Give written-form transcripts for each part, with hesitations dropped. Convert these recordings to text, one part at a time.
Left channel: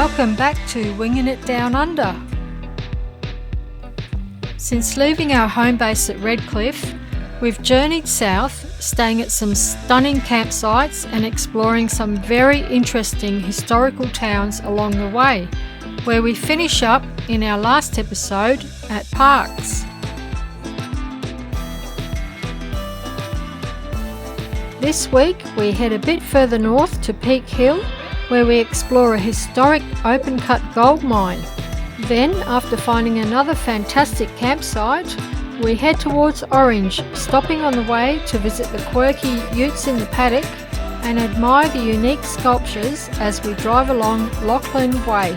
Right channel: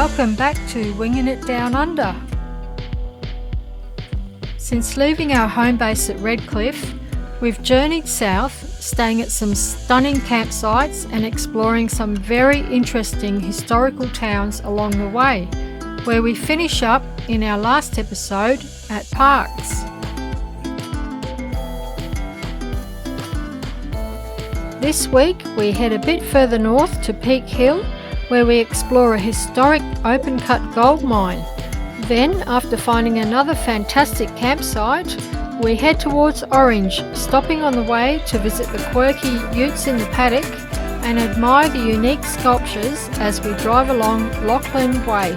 Welcome back to Winging It Down Under. Since leaving our home base at Redcliffe, we've journeyed south, staying at some stunning campsites and exploring some very interesting historical towns along the way, where we finish up in our last episode at Parks. This week we head a bit further north to Peak Hill, where we explore a historic open-cut gold mine. Then, after finding another fantastic campsite, we head towards Orange, stopping on the way to visit the quirky Utes in the Paddock and admire the unique sculptures as we drive along Lachlan Way.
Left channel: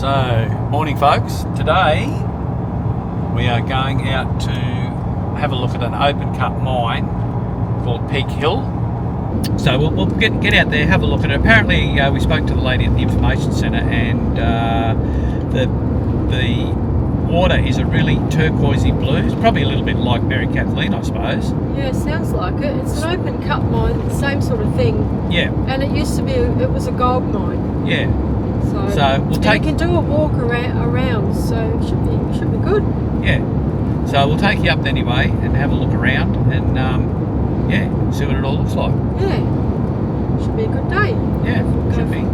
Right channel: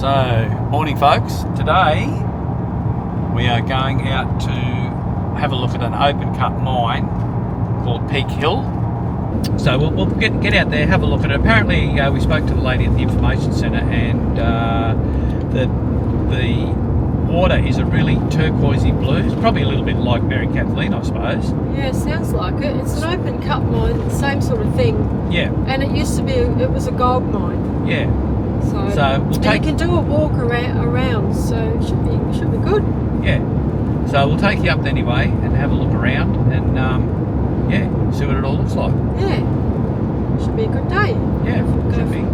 So, morning folks. Today we are going out to have a look at an open cut mine called Peak Hill. So we'll get out there, have a look at it. Apparently we spoke to the lady at the information centre, and the water is a really turquoisey blue. It's probably a little bit like Mary Kathleen, I suppose. Yeah, sounds like it. It's an open cut mine, same sort of thing. Yeah. And it used to be, it was a gold mine. Yeah. So we'll you can do a walk around, so it should be good. Yeah. So we'll take you up anyway and have a look around and see what it all looks like. Yeah. Should be a good day. Yeah, should be.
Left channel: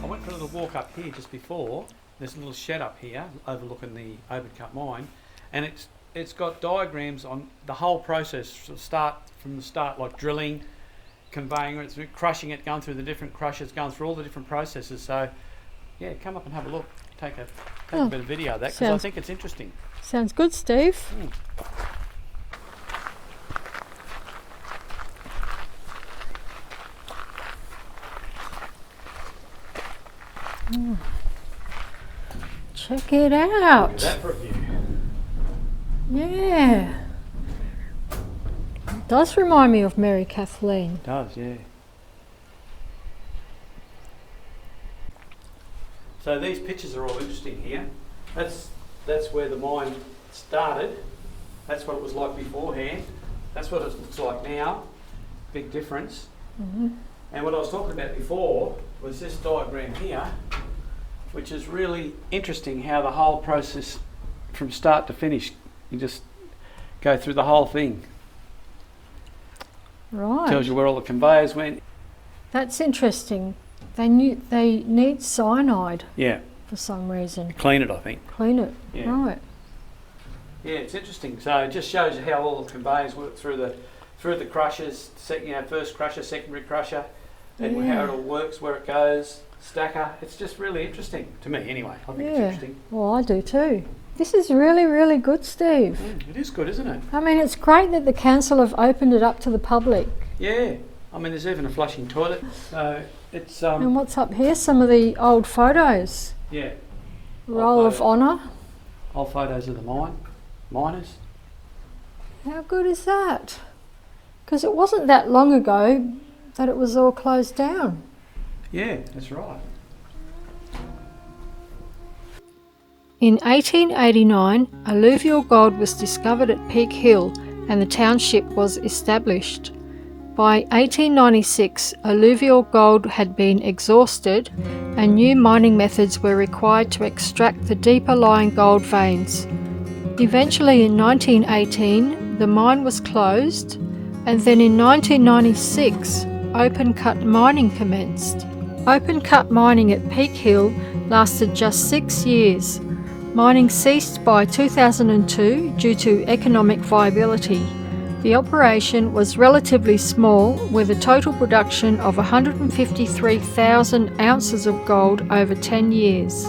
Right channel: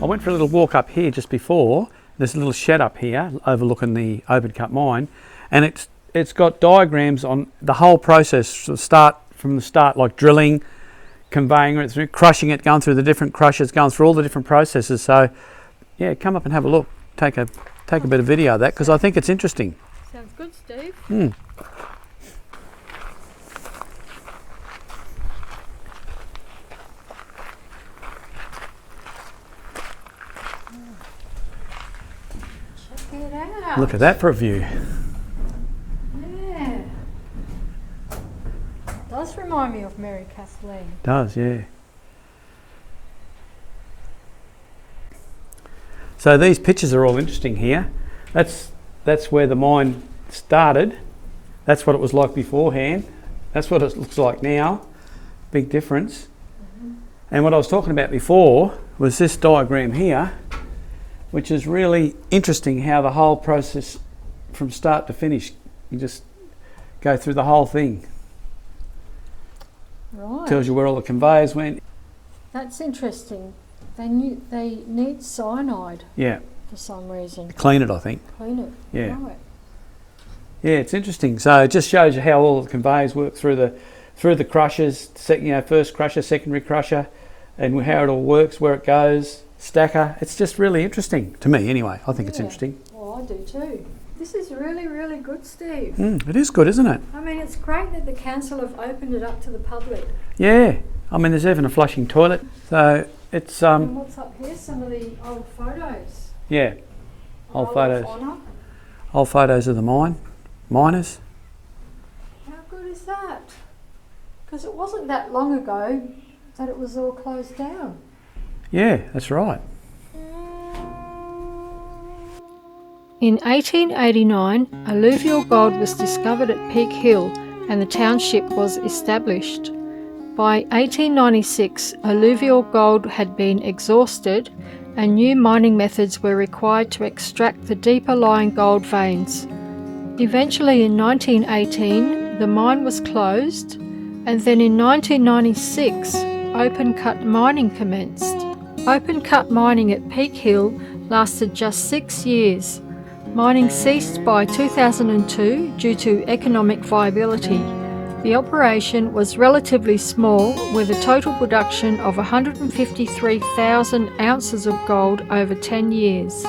I went for a little walk up here just before. There's a little shed up here overlooking the open cut mine, and it's got diagrams on the whole process from the start, like drilling, conveying it through, crushing it, going through the different crushers, going through all the different processes. So yeah, come up and have a look. Take a bit of video of that, because I think it's interesting. Sounds good, Steve. Check it out. Look at that for a view. Yeah. It does remind me of Mary Kathleen. It does, yeah. So these pictures are all interesting here. That's where the mine started. That's what it was like beforehand. That's what it looks like now. Big difference. Mm-hmm. And what I was talking about before was this diagram here, which is really interesting, how the whole process from start to finish, you just go through the whole thing. Right. Tells you where all the conveyors went. That's interesting. They need cyanide. Yeah. For some reason. Clean it, I think. Clean it. Yeah. Right. Yeah, it's interesting. So it just shows you how all the conveyors work through the crushers, first crusher, secondary crusher, and how it all works, where it goes. Stacker. It's just really interesting to me anyway. I think it's interesting. Well, I do too. This is really, really good, Steve. It is good, isn't it? I mean, it's great that the council have opened it up to the public. Yeah. I mean, there's even a flushing toilet. So it's... And what's up here? Some of the old photos. Yeah. Roll of honour. Old photos of the miners. How good is that? Because it wasn't that long ago that it was all closed down. Yeah, that's right. In 1889, alluvial gold was discovered at Peak Hill and the township was established. By 1896, alluvial gold had been exhausted and new mining methods were required to extract the deeper lying gold veins. Eventually in 1918, the mine was closed, and then in 1996, open cut mining commenced. Open cut mining at Peak Hill lasted just 6 years. Mining ceased by 2002 due to economic viability. The operation was relatively small, with a total production of 153,000 ounces of gold over 10 years.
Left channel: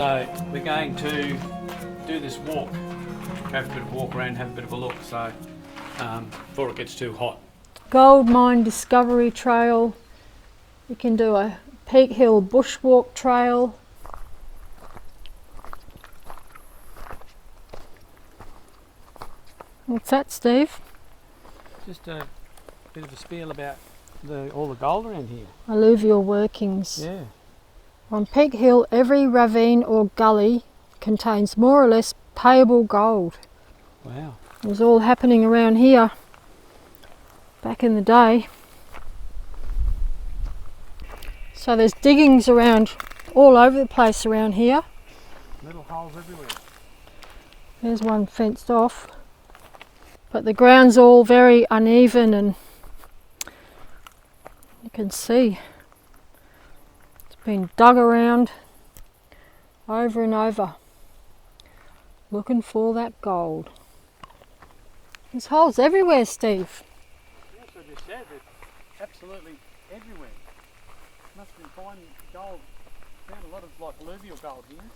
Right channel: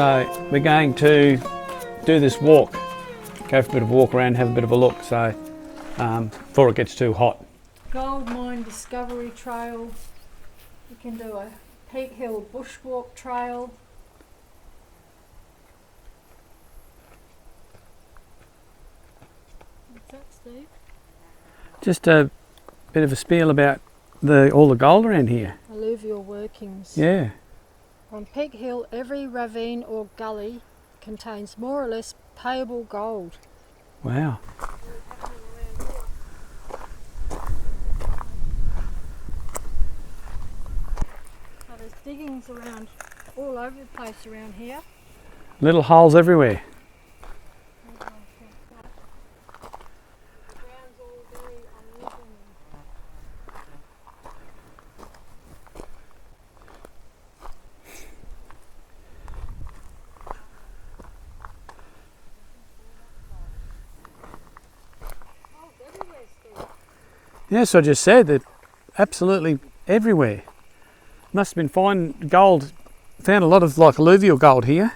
So we're going to do this walk, go for a bit of a walk around, have a bit of a look, so before it gets too hot. Gold Mine Discovery Trail. You can do a Peak Hill Bushwalk Trail. What's that, Steve? Just a bit of a spiel about all the gold around here. Alluvial workings. Yeah. On Peak Hill, every ravine or gully contains more or less payable gold. Wow. It was all happening around here back in the day. So there's diggings around all over the place around here. Little holes everywhere. There's one fenced off. But the ground's all very uneven, and you can see it's been dug around over and over, looking for that gold. There's holes everywhere, Steve. Yes, I just said that, absolutely everywhere. Must have been fine gold. Found a lot of like alluvial gold here.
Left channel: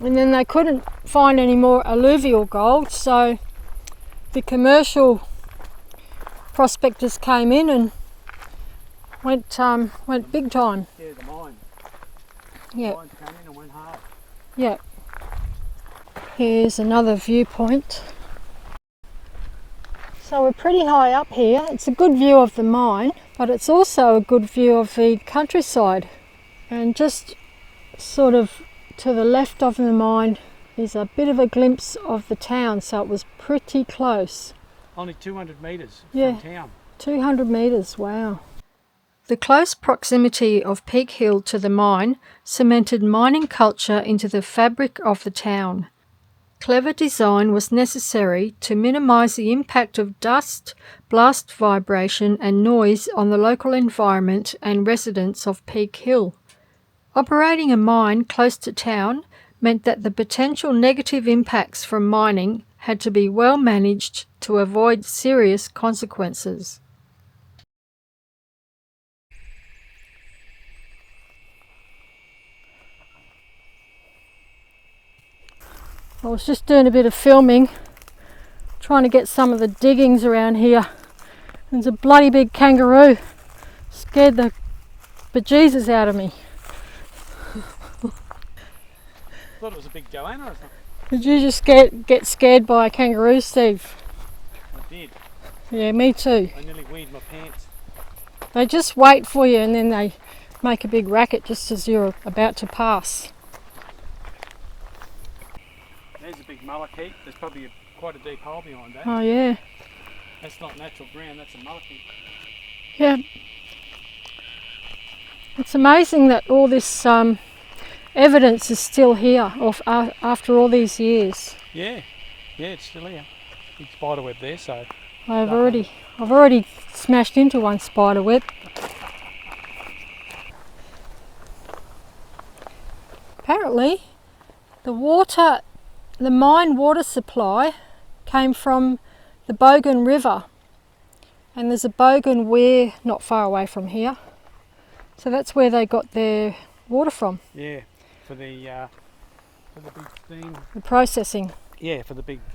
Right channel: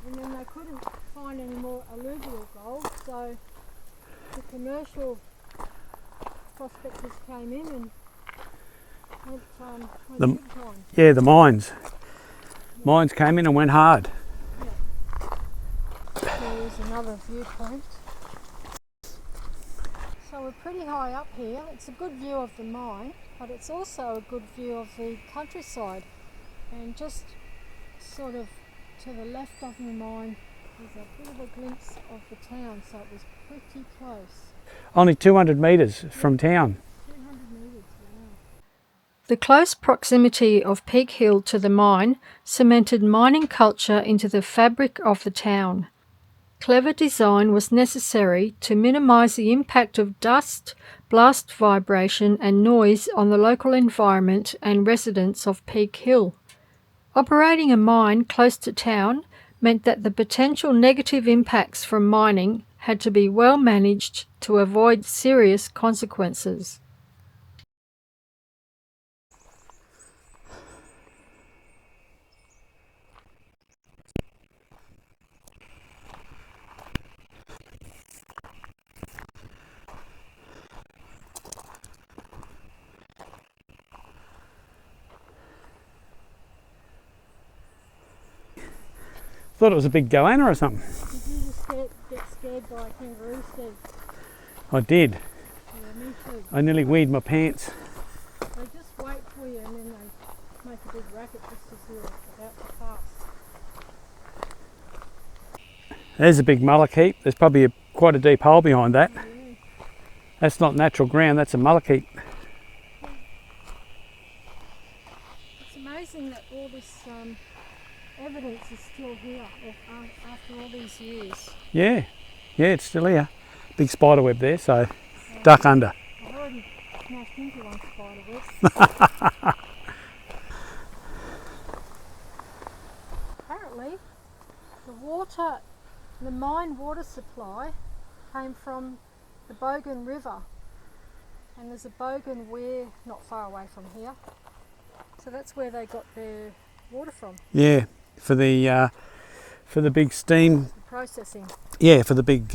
And then they couldn't find any more alluvial gold, so the commercial prospectors came in and went big time. Yeah, the mines. Yeah. Mines came in and went hard. Yeah. Here's another viewpoint. So we're pretty high up here. It's a good view of the mine, but it's also a good view of the countryside. And just sort of to the left of the mine is a bit of a glimpse of the town, so it was pretty close. Only 200 metres from town. 200 metres, wow. The close proximity of Peak Hill to the mine cemented mining culture into the fabric of the town. Clever design was necessary to minimise the impact of dust, blast vibration and noise on the local environment and residents of Peak Hill. Operating a mine close to town meant that the potential negative impacts from mining had to be well managed to avoid serious consequences. I was just doing a bit of filming, trying to get some of the diggings around here. There's a bloody big kangaroo. Scared the bejesus out of me. Thought it was a big goanna or something. Did you just get scared by a kangaroo, Steve? I did. Yeah, me too. I nearly weed my pants. They just wait for you and then they make a big racket just as you're about to pass. There's a big mullock heap. There's probably quite a deep hole behind that. Oh yeah. That's not natural ground, that's a mullock heap. Yeah. It's amazing that all this evidence is still here after all these years. Yeah, it's still here. Big spider web there, so duck under. I've already smashed into one spider web. Apparently, the mine water supply came from the Bogan River, and there's a Bogan weir not far away from here. So that's where they got their water from. Yeah, for the big steam. The processing. Yeah, for the big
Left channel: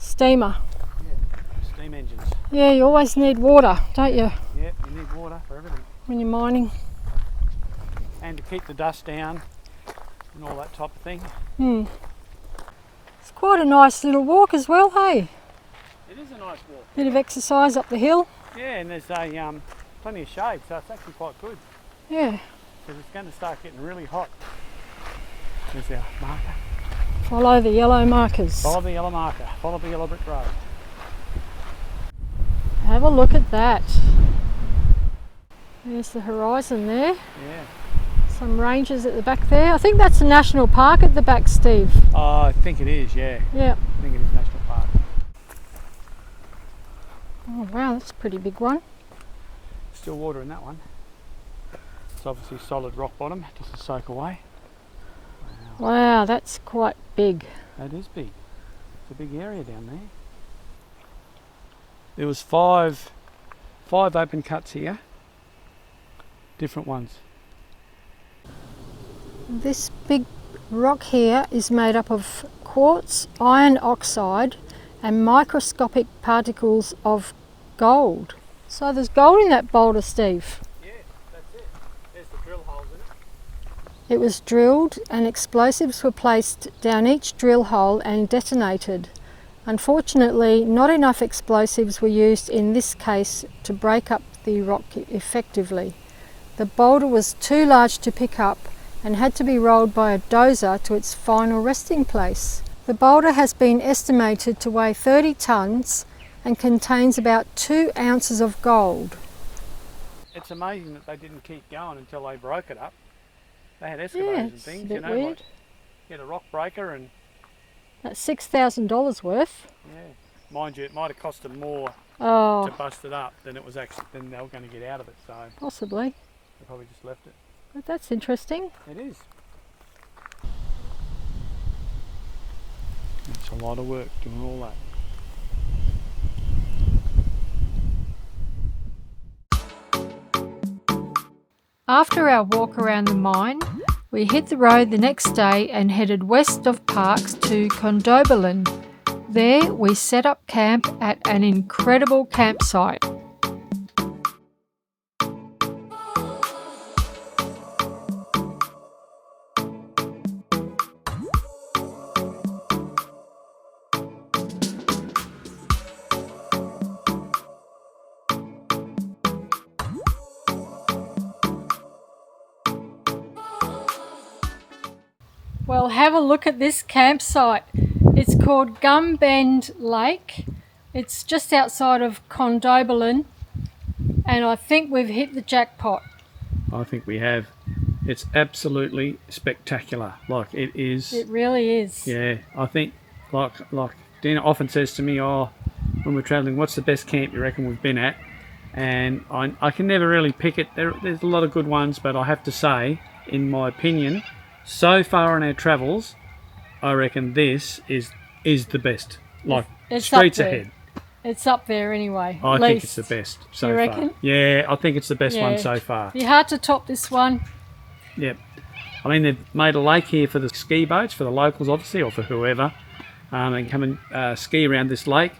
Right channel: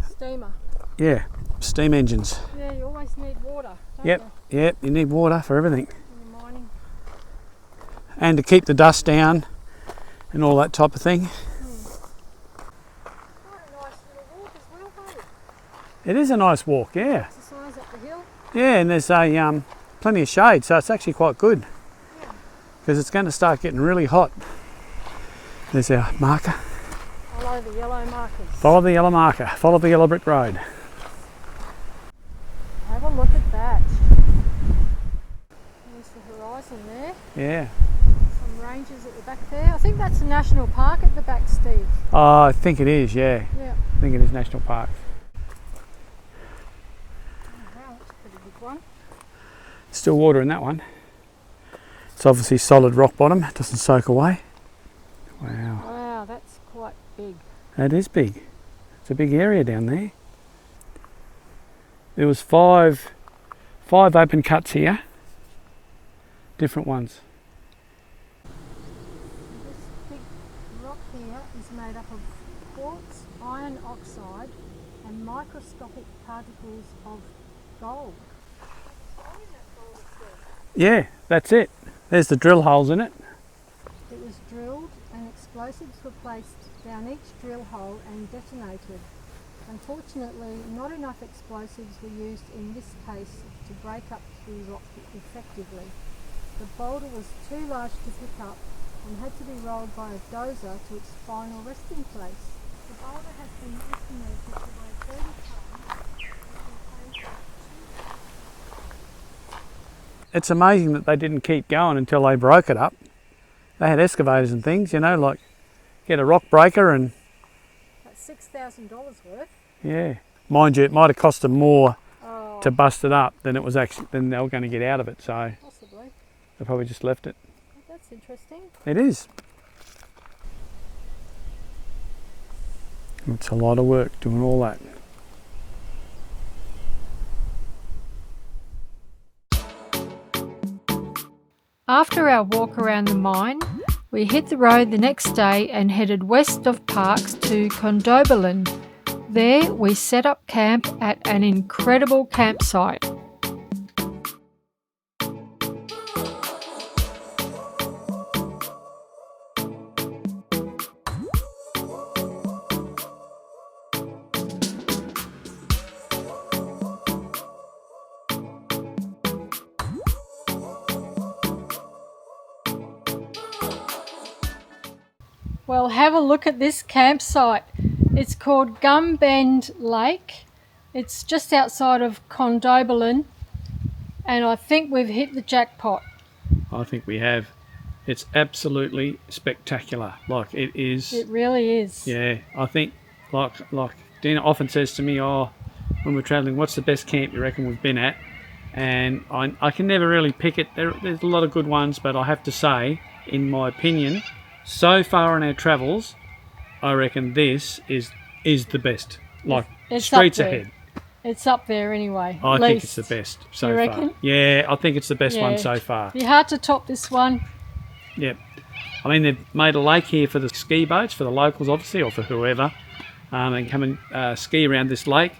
steamer. Yeah, steam engines. Yeah, you always need water, don't you? Yep, you need water for everything. When you're mining. And to keep the dust down and all that type of thing. It's quite a nice little walk as well, hey? It is a nice walk, yeah. Bit of exercise up the hill. Yeah, and there's plenty of shade, so it's actually quite good. Yeah. Because it's going to start getting really hot. There's our marker. Follow the yellow markers. Follow the yellow marker. Follow the yellow brick road. Have a look at that. There's the horizon there. Yeah. Some ranges at the back there. I think that's a national park at the back, Steve. Oh, I think it is, yeah. Yeah. I think it is national park. Oh wow, that's a pretty big one. Still water in that one. It's obviously solid rock bottom. It doesn't soak away. Wow. Wow, that's quite big. That is big. It's a big area down there. There was five open cuts here. Different ones. This big rock here is made up of quartz, iron oxide and microscopic particles of gold. So there's gold in that boulder, Steve. Yeah, that's it. There's the drill holes in it. It was drilled and explosives were placed down each drill hole and detonated. Unfortunately, not enough explosives were used in this case to break up the rock effectively. The boulder was too large to pick up and had to be rolled by a dozer to its final resting place. The boulder has been estimated to weigh 30 tonnes and contains about 2 ounces of gold. It's amazing that they didn't keep going until they broke it up. They had excavators and things, you know, did. like get a rock breaker and... That's $6,000 worth. Yeah. Mind you, it might have cost them more Oh, to bust it up than it was actually than they were going to get out of it, so possibly. they probably just left it. But that's interesting. It is. It's a lot of work doing all that. After our walk around the mine, we hit the road the next day and headed west of Parks to Condobolin. There we set up camp at an incredible campsite. Well, have a look at this campsite. It's called Gum Bend Lake. It's just outside of Condobolin, and I think we've hit the jackpot. I think we have. It's absolutely spectacular. Like it is. It really is. Yeah, I think like Dina often says to me, oh, when we're travelling, what's the best camp you reckon we've been at? And I can never really pick it. There's a lot of good ones, but I have to say, in my opinion, so far on our travels, I reckon this is the best. Like It's streets up there. ahead. It's up there anyway. I at think least. it's the best so You far. reckon? Yeah, I think it's the best one Yeah. so far. Be hard to top this one. Yep. I mean, they've made a lake here for the ski boats, for the locals obviously, or for whoever. They can come and ski around this lake.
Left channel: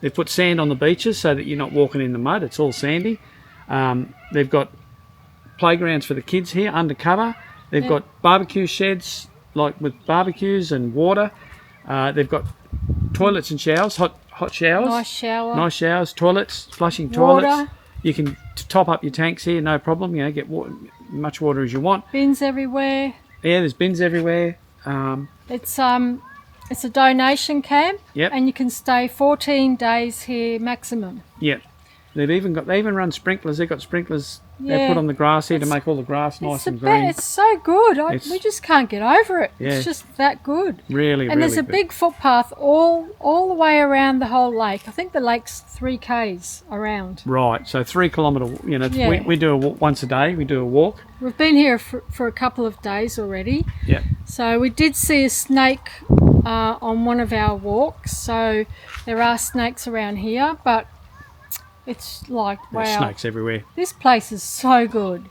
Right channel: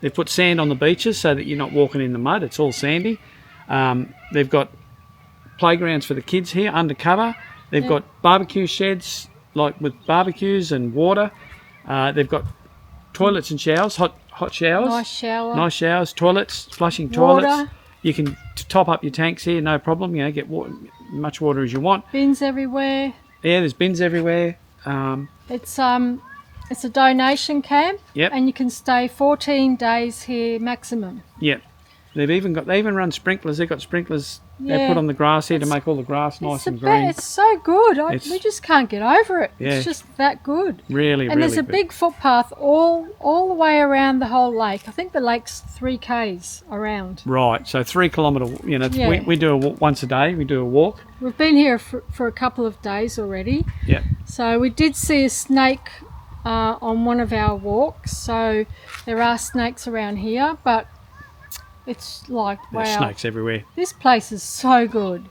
They've put sand on the beaches so that you're not walking in the mud. It's all sandy. They've got playgrounds for the kids here, undercover. They've got barbecue sheds, like with barbecues and water. They've got toilets and showers, hot showers. Nice showers. Toilets, flushing Water. toilets. You can top up your tanks here, no problem. You know, get much water as you want. Bins everywhere. Yeah, there's bins everywhere. It's a donation camp. Yep. And you can stay 14 days here maximum. Yep. They even run sprinklers. They've got sprinklers they Yeah. put on the grass here to make all the grass nice and green. It's so good. It's- We just can't get over it. Yeah. It's just that good. Really, And there's really a good. big footpath all the way around the whole lake. I think the lake's 3 k's around. Right, so 3 kilometre, you know, Yeah. we do a walk once a day. We do a walk. We've been here for a couple of days already. Yep. So we did see a snake on one of our walks. So there are snakes around here, but it's like, There's wow, snakes everywhere. this place is so good.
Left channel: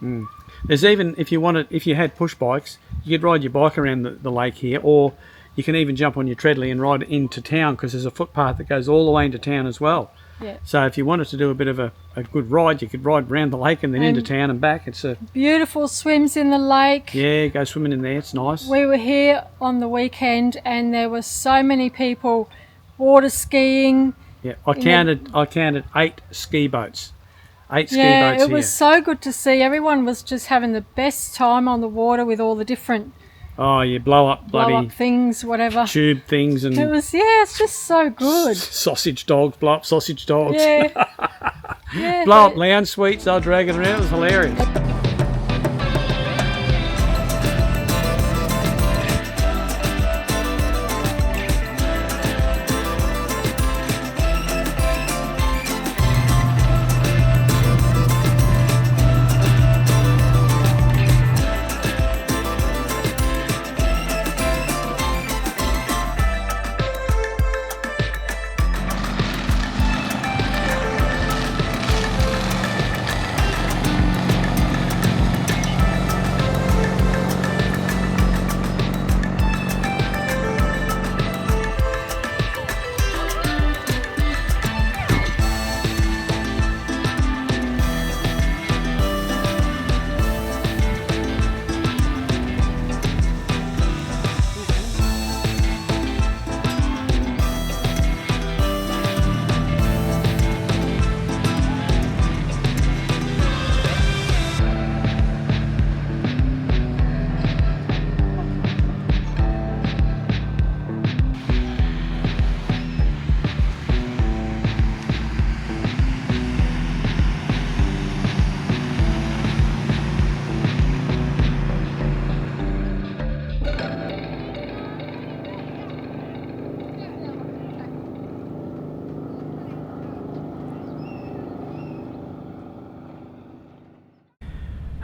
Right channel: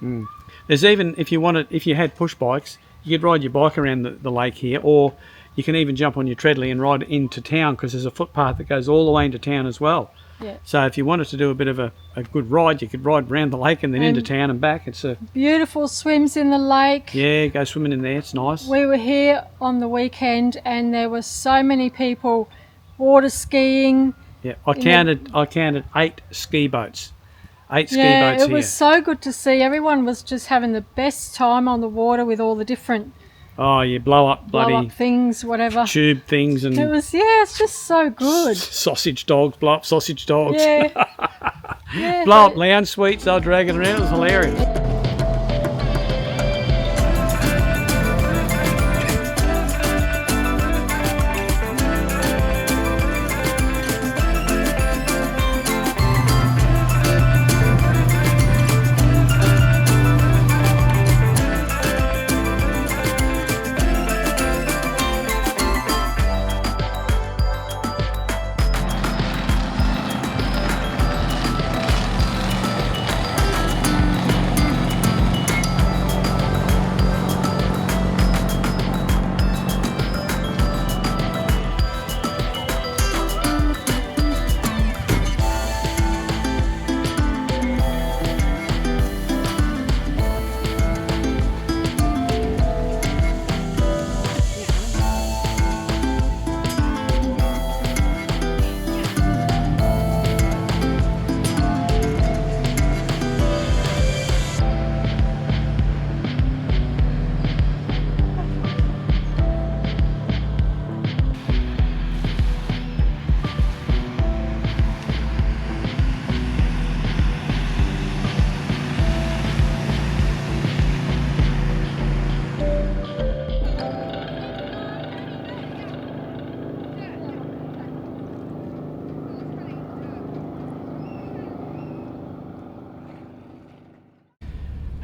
There's even, if you had push bikes, you could ride your bike around the lake here, or you can even jump on your treadly and ride into town because there's a footpath that goes all the way into town as well. Yeah. So if you wanted to do a bit of a good ride, you could ride around the lake and then into town and back. It's a Beautiful swims in the lake. yeah, go swimming in there. It's nice. We were here on the weekend and there were so many people water skiing. Yeah, I counted 8 ski boats. 8 ski Yeah, boats it here. was so good to see. Everyone was just having the best time on the water with all the different Oh, you blow up blow bloody up things, whatever. tube things and It's just so good. sausage dogs, blow up sausage dogs. Yeah. Yeah, Blow but- up lounge suites, they'll drag it around. It was hilarious.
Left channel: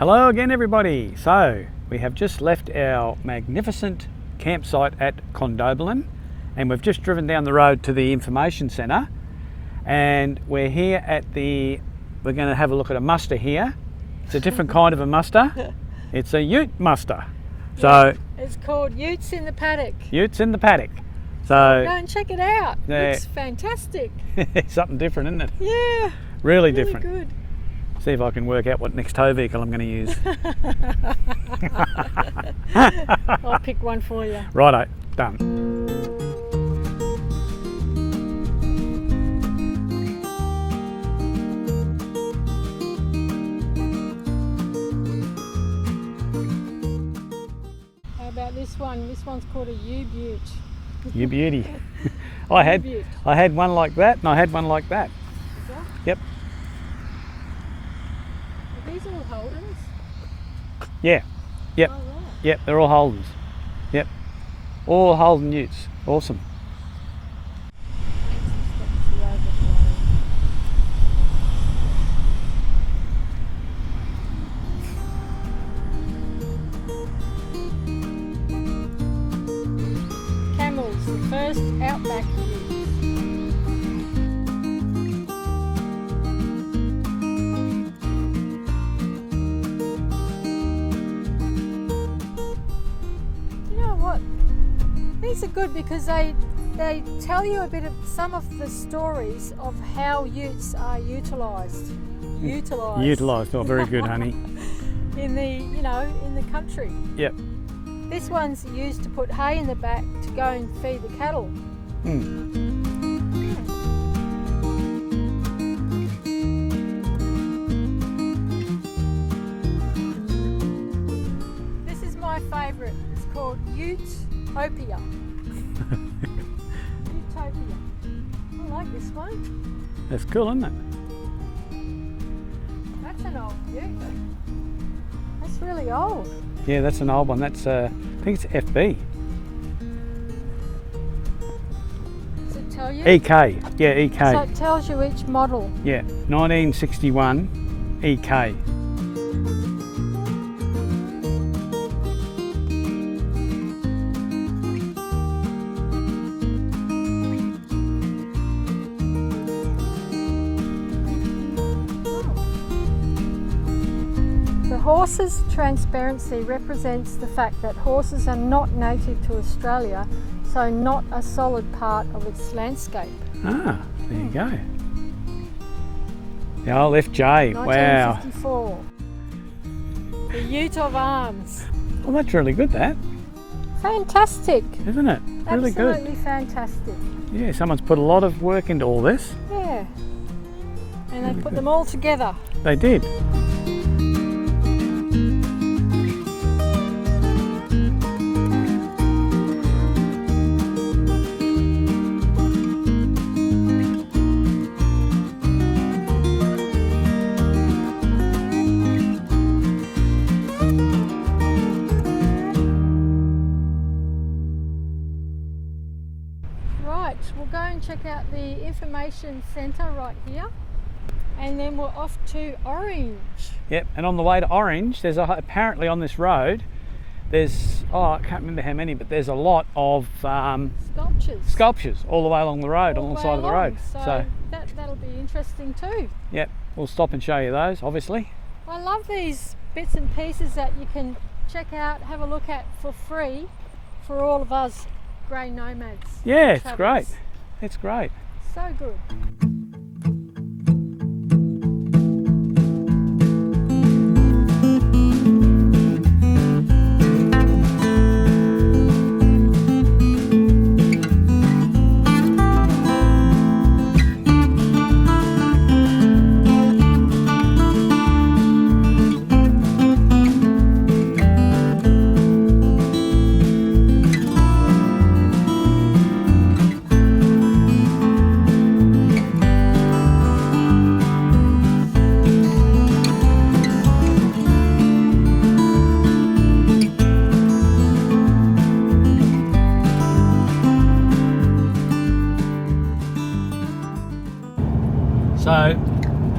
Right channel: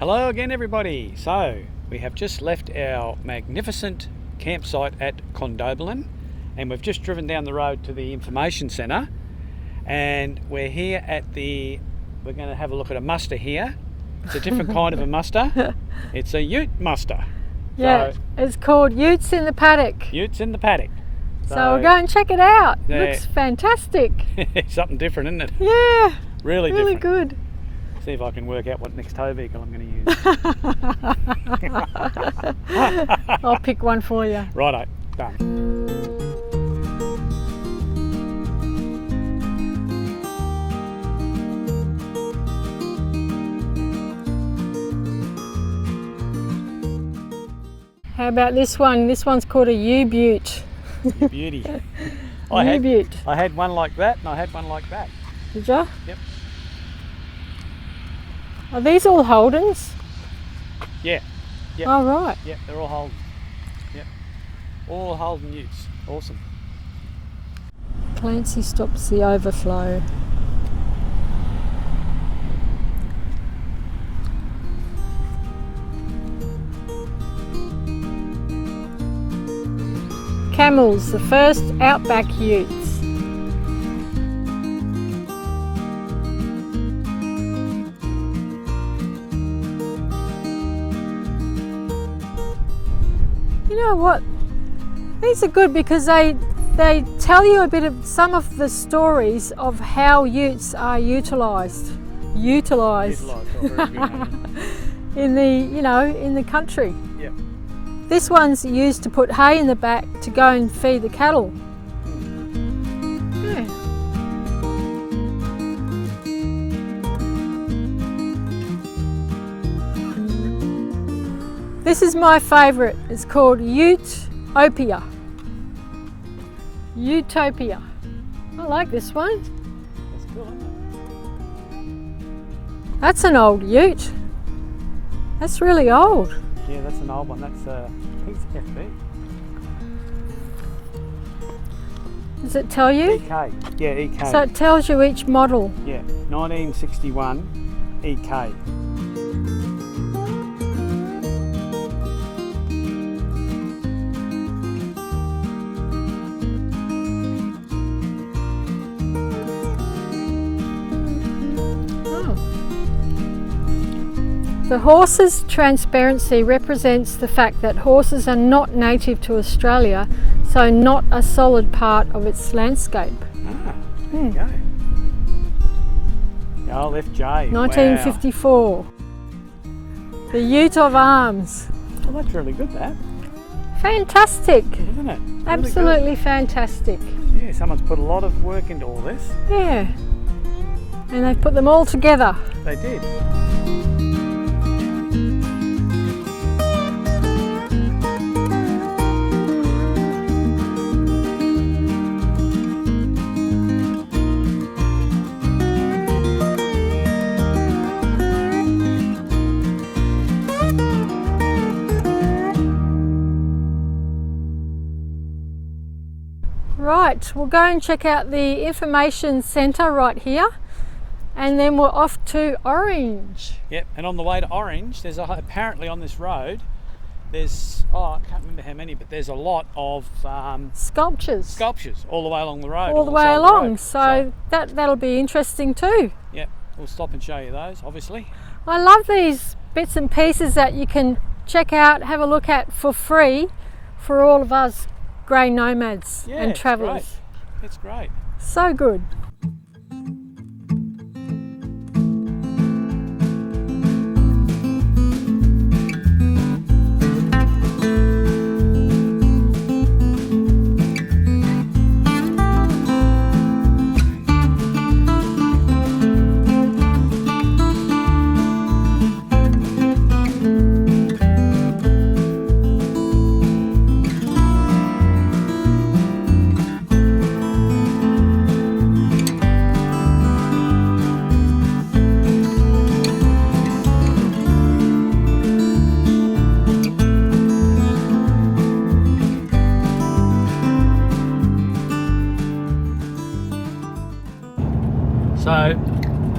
Hello again everybody. So we have just left our magnificent campsite at Condobolin and we've just driven down the road to the information centre, and we're here at we're going to have a look at a muster here. It's a different kind of a muster. It's a ute muster. Yeah, it's called Utes in the Paddock. Utes in the Paddock. So go and check it out. Yeah. Looks fantastic. Something different, isn't it? Yeah. Really Really different. good. See if I can work out what next tow vehicle I'm going to use. I'll pick one for you. Righto, done. How about this one? This one's called a U-Butte. You beauty. I U-Butte. had one like that and I had one like that. Did you? Yep. Are these all Holdens? Yeah. Yep. Oh, right. Yep, they're all Holdens. Yep. All Holden utes. Awesome. Clancy stops the overflow. Camels, the first outback utes. You know what? These are good because they tell you a bit of some of the stories of how utes are utilised. Utilised, oh very good, honey. In the country. Yep. This one's used to put hay in the back to go and feed the cattle. Yeah. This is my favourite. It's called Utopia. Utopia. I like this one. That's cool, isn't it? That's an old ute. That's really old. Yeah, that's an old one. That's I think it's FB. Does it tell you? EK. Yeah, EK. So it tells you each model. Yeah, 1961 EK. The horse's transparency represents the fact that horses are not native to Australia, so not a solid part of its landscape. Ah, there you go. The old FJ. 1954. Wow. The Ute of Arms. Oh, that's really good, that. Fantastic. Isn't it? Really Absolutely fantastic. good. Yeah, someone's put a lot of work into all this. Yeah. And they've put them all together. They did. Right, we'll go and check out the information centre right here, and then we're off to Orange. Yep, and on the way to Orange, there's apparently on this road, there's, I can't remember how many, but there's a lot of Sculptures all the way along the road. all the way along, so that'll be interesting too. Yep, we'll stop and show you those, obviously. I love these bits and pieces that you can check out, have a look at for free for all of us grey nomads and travellers. It's great. So good.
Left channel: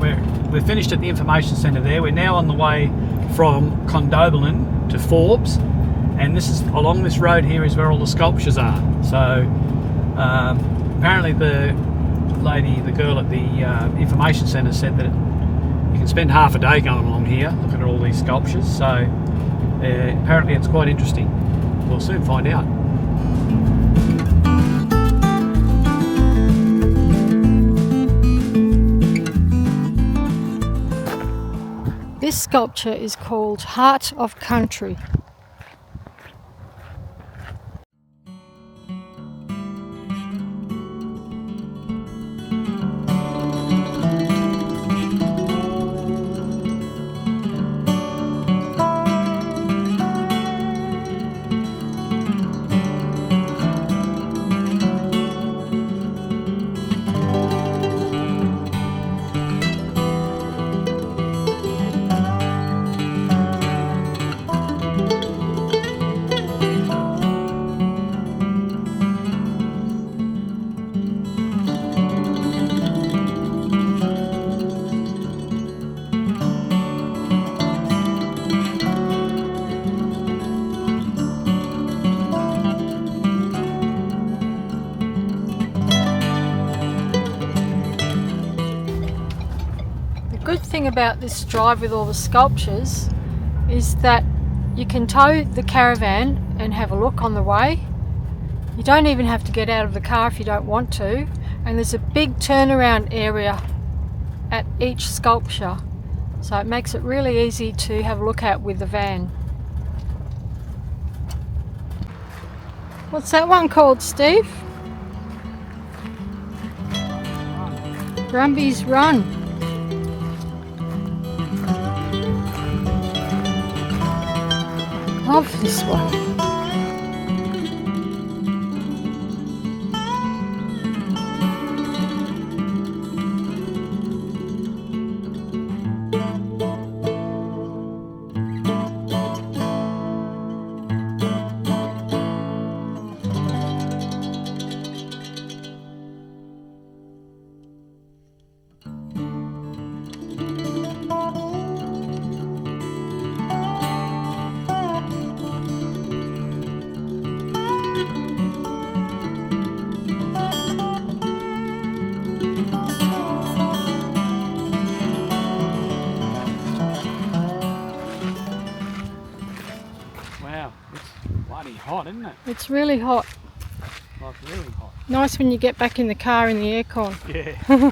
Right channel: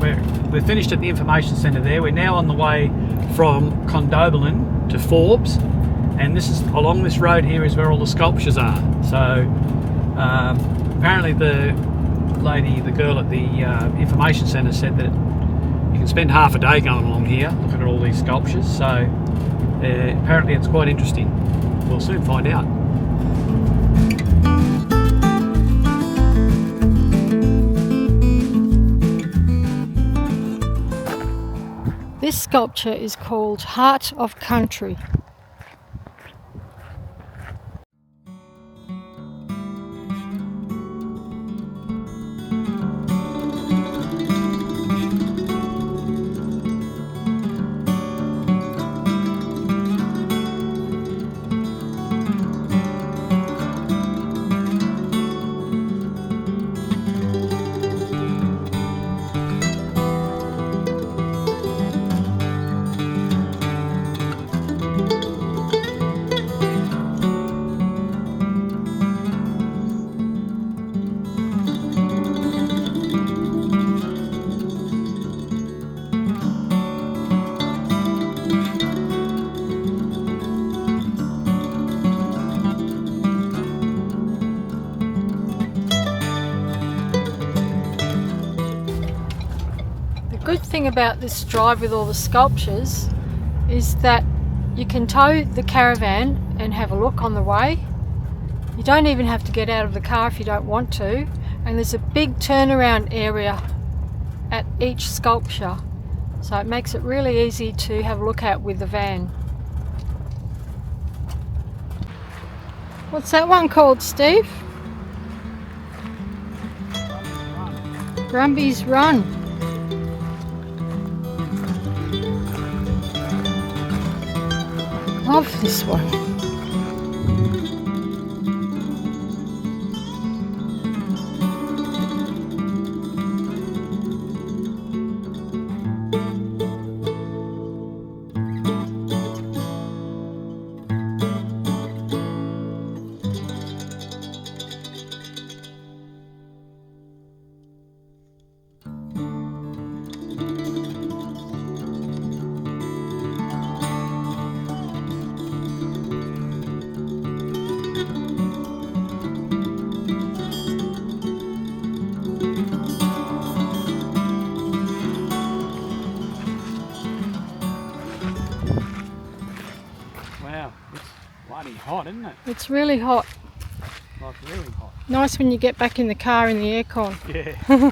we're finished at the information centre there. We're now on the way from Condobolin to Forbes, and this is along this road here is where all the sculptures are. So apparently the girl at the information centre said that you can spend half a day going along here looking at all these sculptures. So apparently it's quite interesting. We'll soon find out. This sculpture is called Heart of Country. The good thing about this drive with all the sculptures is that you can tow the caravan and have a look on the way. You don't even have to get out of the car if you don't want to, and there's a big turnaround area at each sculpture, so it makes it really easy to have a look at with the van. What's that one called, Steve? Brumby's Run. Love this one. Hot, isn't it? It's really hot. Like really hot. Nice when you get back in the car in the aircon. Yeah.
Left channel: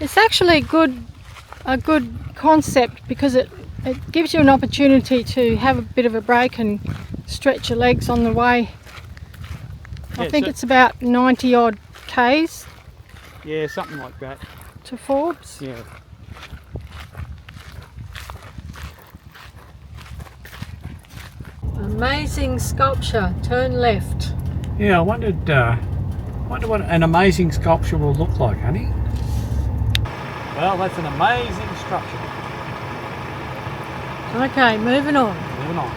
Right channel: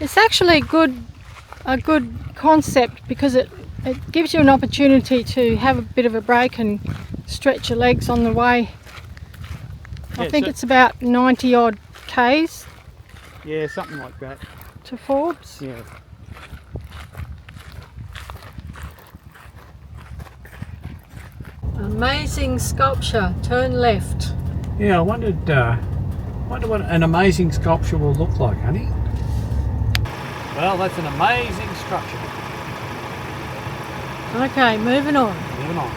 It's actually a good concept because it gives you an opportunity to have a bit of a break and stretch your legs on the way. Yeah, I think it's about 90 odd k's. Yeah, something like that. To Forbes. Yeah. Amazing sculpture. Turn left. Yeah, I wondered what an amazing sculpture will look like, honey. Well, that's an amazing structure. Okay, moving on. Moving on.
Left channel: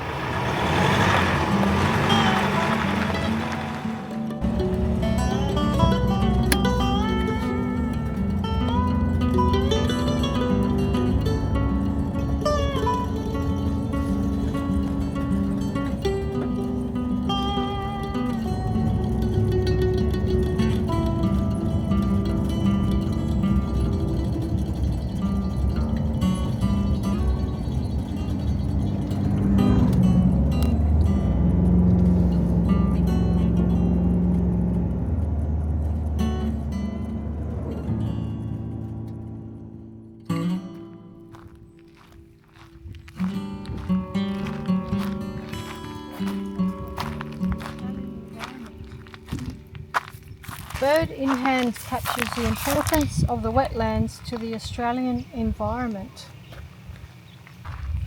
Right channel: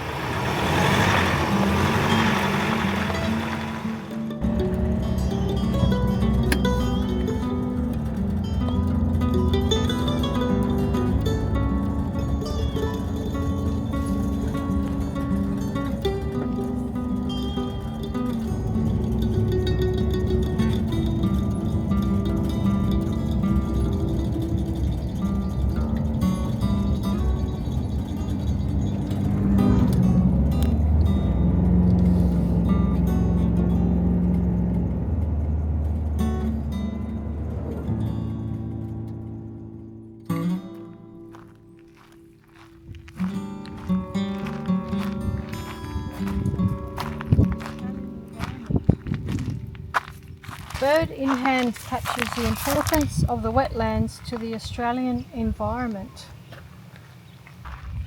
Bird in Hand captures the importance of the wetlands to the Australian environment.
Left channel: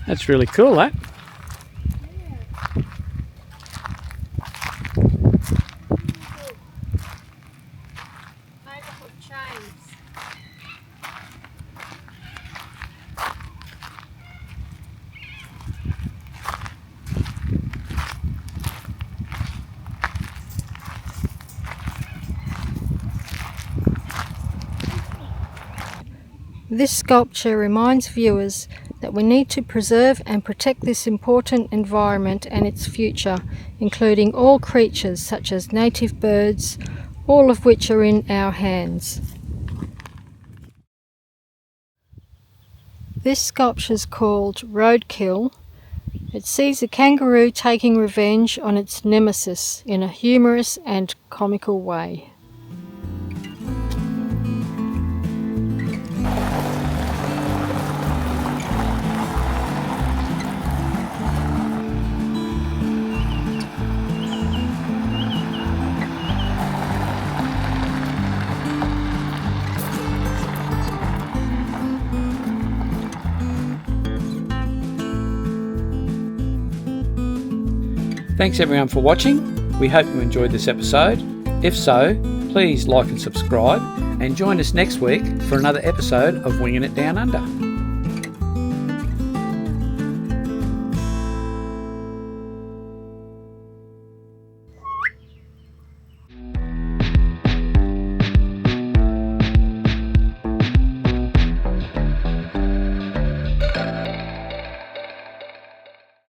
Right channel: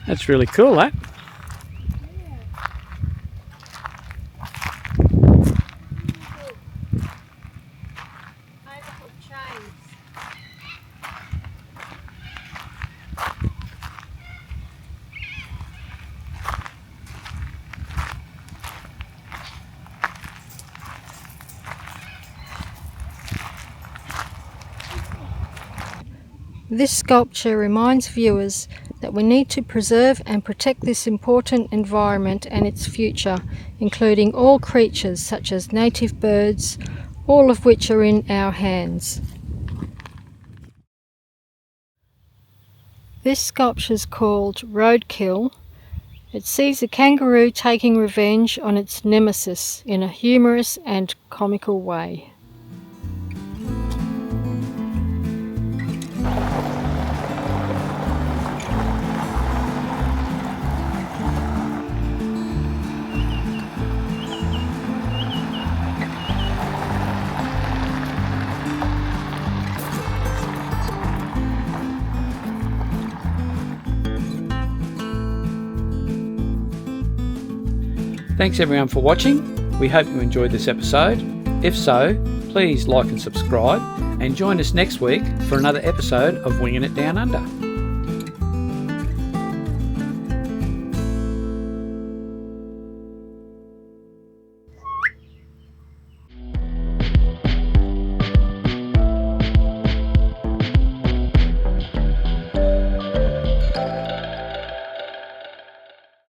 That's really cool, that. This sculpture reminds viewers that we need to preserve and protect this important environment and its future, including all creatures such as native birds, all of which are in our hands. This sculpture is called Roadkill. It sees a kangaroo taking revenge on its nemesis in a humorous and comical way. Thanks everyone for watching. We hope you enjoyed this episode. If so, please like and subscribe and join us next week for another episode of Winging It Down Under.